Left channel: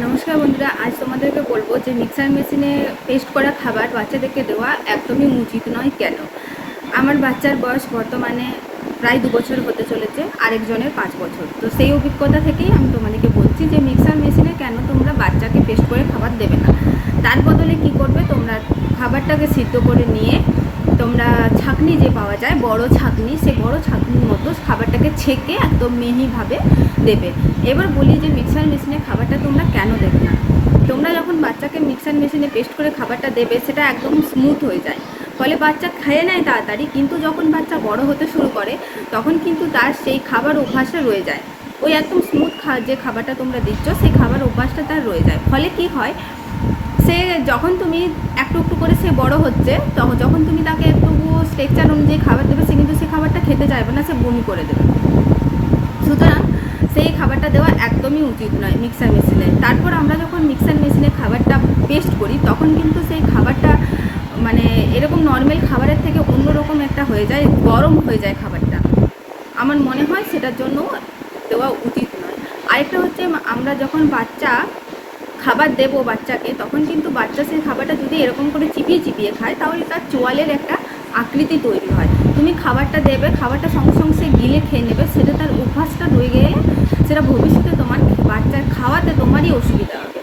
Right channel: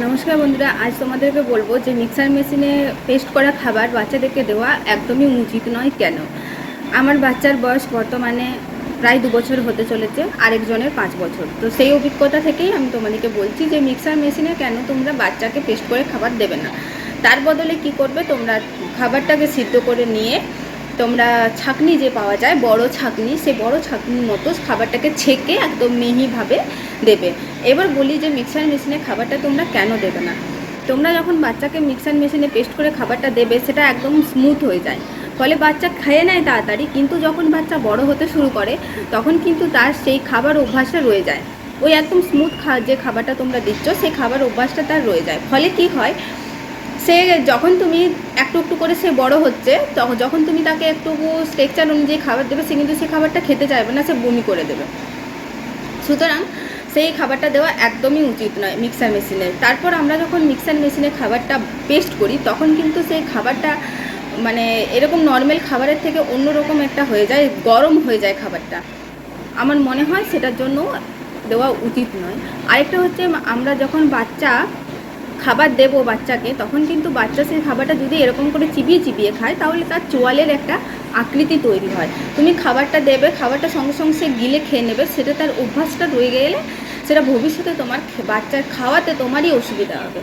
নমস্কার বন্ধুরা, আজ তোমাদেরকে বলবো যে মিক্সার মেশিনে পেস্ট করা খাবার বাচ্চাদেরকে দেওয়া একদমই উচিত নয়। কেন? আমার বাচ্চার বয়স বর্তমানে প্রায় 2 বছর হতে চলেছে, আরেকজনের 5 বছর। তো সেই অভিজ্ঞতা থেকেই আমি তোমাদেরকে বলছি যে মিক্সার মেশিনে কেন তোমরা বাচ্চাকে পেস্ট করে খাবার দেবে না। তার বদলে কি করবে, তোমরা খাবারটাকে সিদ্ধ করে নিয়ে তোমরা ছাঁকনি যে পাওয়া যায়, বড় ছাঁকনি, সেই বড় ছাঁকনির মতো খাবারটাকে ছেঁকে একদম মিহিভাবে দেবে। এবার বলি যে মিক্সার মেশিনে খাবারটা তোমরা কেন দেবে না। তোমরা যখন বাচ্চাকে মিক্সার মেশিনে পেস্ট করে খাবারটা দেবে, সেটা একদম স্মুথ হয়ে যায়, ফলে বাচ্চা খেয়ে নেয় তাড়াতাড়ি। কিন্তু যখন বাচ্চা বড় হতে শুরু করে, তখন কিন্তু তার সেই খাবার অভ্যাসটা রয়ে যায়। ওই একদম স্মুথ যে খাবারটা তোমরা দিচ্ছ, সেই খাবার অভ্যাসটা তার রয়ে যায়। ফলে কি হয়, সে যখন তুমি একটু একটু করে সে বড় হচ্ছে, তখন যখন তুমি তাকে একটু স্ট্রাকচার অনুযায়ী খাবার দেবে, সে কিন্তু সে খাবারটা খেতে চাইবে না, সে বমি করে দেবে। সুতরাং সেই খাবারটা দেওয়া একদমই উচিত নয় মিক্সার মেশিনে। তারপর আমরা যখন মিক্সার মেশিনে খাবারটা পেস্ট করি, তখন কিন্তু সেই খাবারটা মানে এরকম নর্মাল খাবারের থেকে অন্যরকম একটা হয়ে যায়, গরম হয়ে যায় খাবারটা। আমার মনে হয় সেটার জন্য দেওয়া উচিত নয়। আরেকটা হচ্ছে, আমরা যখন খাবার দেবো বাচ্চাকে, তখন কিন্তু বাচ্চা সেই খাবারটা যদি এরকম করে চিবিয়ে চিবিয়ে খায়, তাহলে তার চোয়ালের একটা আকৃতি তৈরি হয়। তুমি খাবারটা দেবে, খাবারটা সঙ্গে সঙ্গে সে গিলে খেয়ে নেবে, সেটা তার অভ্যাসটা রয়ে গেলে সেটা ভবিষ্যতে তোমার বাচ্চার খাওয়াতে তোমারই অসুবিধা হবে।